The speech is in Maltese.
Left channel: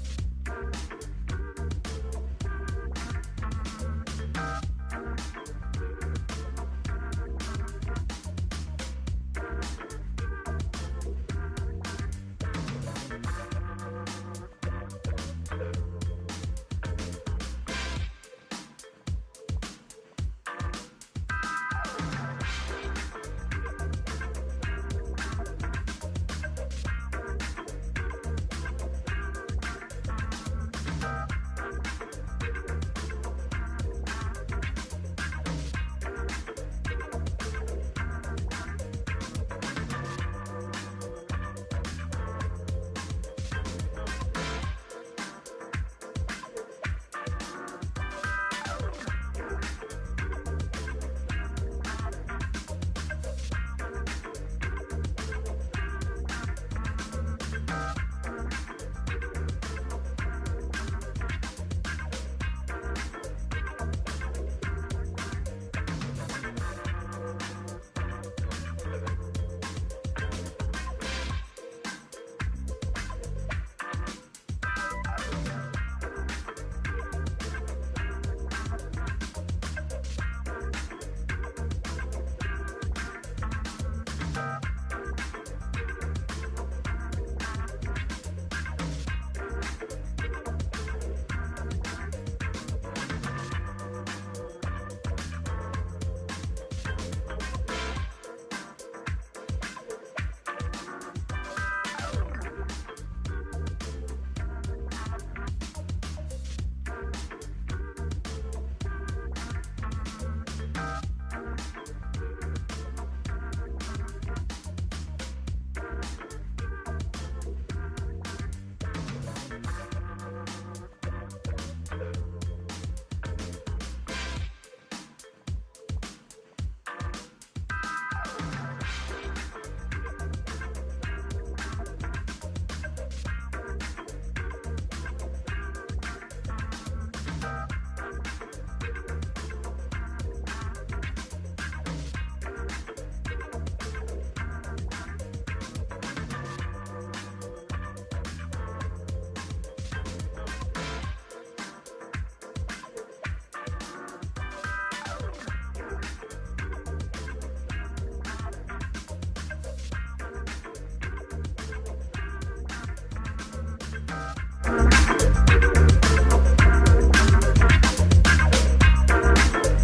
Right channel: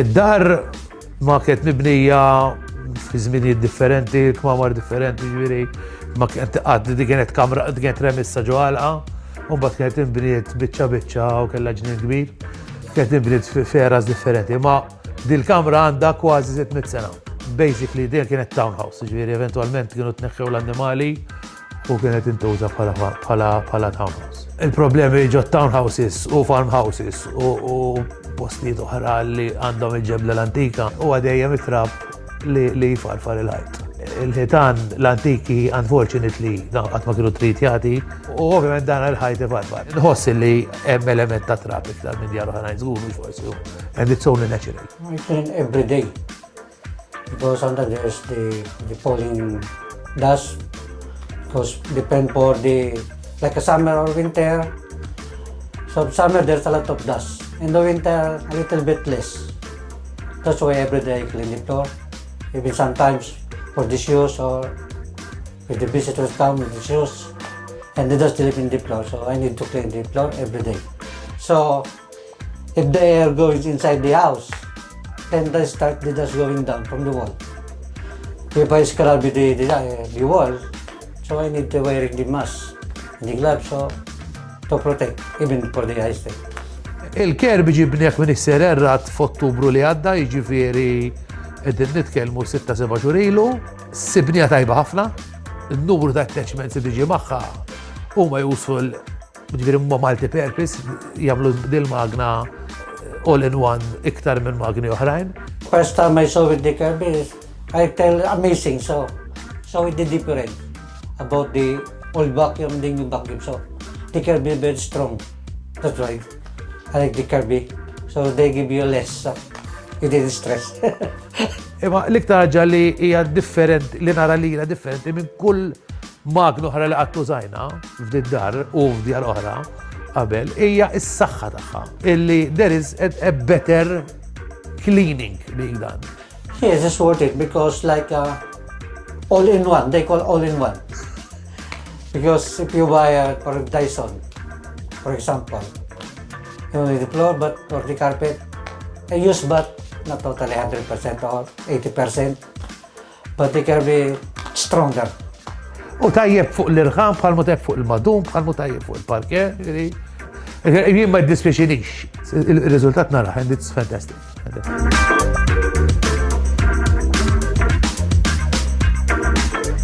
Id-dar ma kienet mibnija fi żminijiet differenti, kmamar differenti, ġifieri ma kienet kamra kienet remissa ġo għalqa, u mbagħad kienet inbniet biċċa u kellha ġnien kbir. Kienet inbniet f'eras differenti, ma dil-kamra għandha kważi 600 sena. Basically din kienet townhouse, ġifieri eventwalment kienu tneħħew l-annimali u kienet intuża bħala townhouse. Il-problemi ġo townhouses u farmhouses u postijiet oħra li għandhom il-ġebla l-antika u għadejjem it-trab li jfarfar il-ħajt. Il-ħitan l-antiki, unfortunately, qatt ma kienu tritjati u ovvjament dan il-ħajt ifarfar. Nħoss li hemm element ta' trab iktar minn djar oħrajn żgur mhux forsi and it's only natural. I clean every day because sometimes there's the falling dust because depend for the like a summer or winter. So summer there's a lot of dust. In the winter a little bit less. That's why every day I clean the floor. Even sometimes for the shoes or if the visitors come with the shoes and they just sleep in the floor. So I need to clean the floor every day. So if the air goes inside the house, then they start the dust going down from the wall. If I scrub the wall, so I need to wearing the mask, the gloves, so to protect, even for the eyes. Il-Kirby ġibniek minn is-Sererrat f'Ottubru li għadda, jiġifieri qegħdin nitkellmu 6-7 xhur ilu, sibnija tajba ħafna, in-numru ta' attachments li biġi magħha huma useful, jiġifieri huma multi-purpose, jagħmlu dil-magna all-in-one iktar minn magni oħrajn. First time I saw with the Kirby, I tell amazing, so it did different about the old vacuum and the new vacuum. So the Kirby very strong. That's why I like the Kirby. So they give you less, so you didn't stress. Imma l-iktar ħaġa li hija differenti, li nara li hija differenti minn kull magna oħra li qatt użajna f'did-dar u f'djar oħra qabel hija s-saħħa tagħha. Illi there is a better cleaning being done. Yes, it's worth it because like all-in-one, they call all-in-one. Because if you buy a Dyson, for example, only the floor, but for the carpet, I use but not totally 100% or 80%, but they can be stronger. U tajjeb fuq l-irħam, bħalmu tajjeb fuq il-madum, bħalmu tajjeb fuq il-parke, jien ma jiddispjaċinix. Il-riżultat nara, and it's fantastic.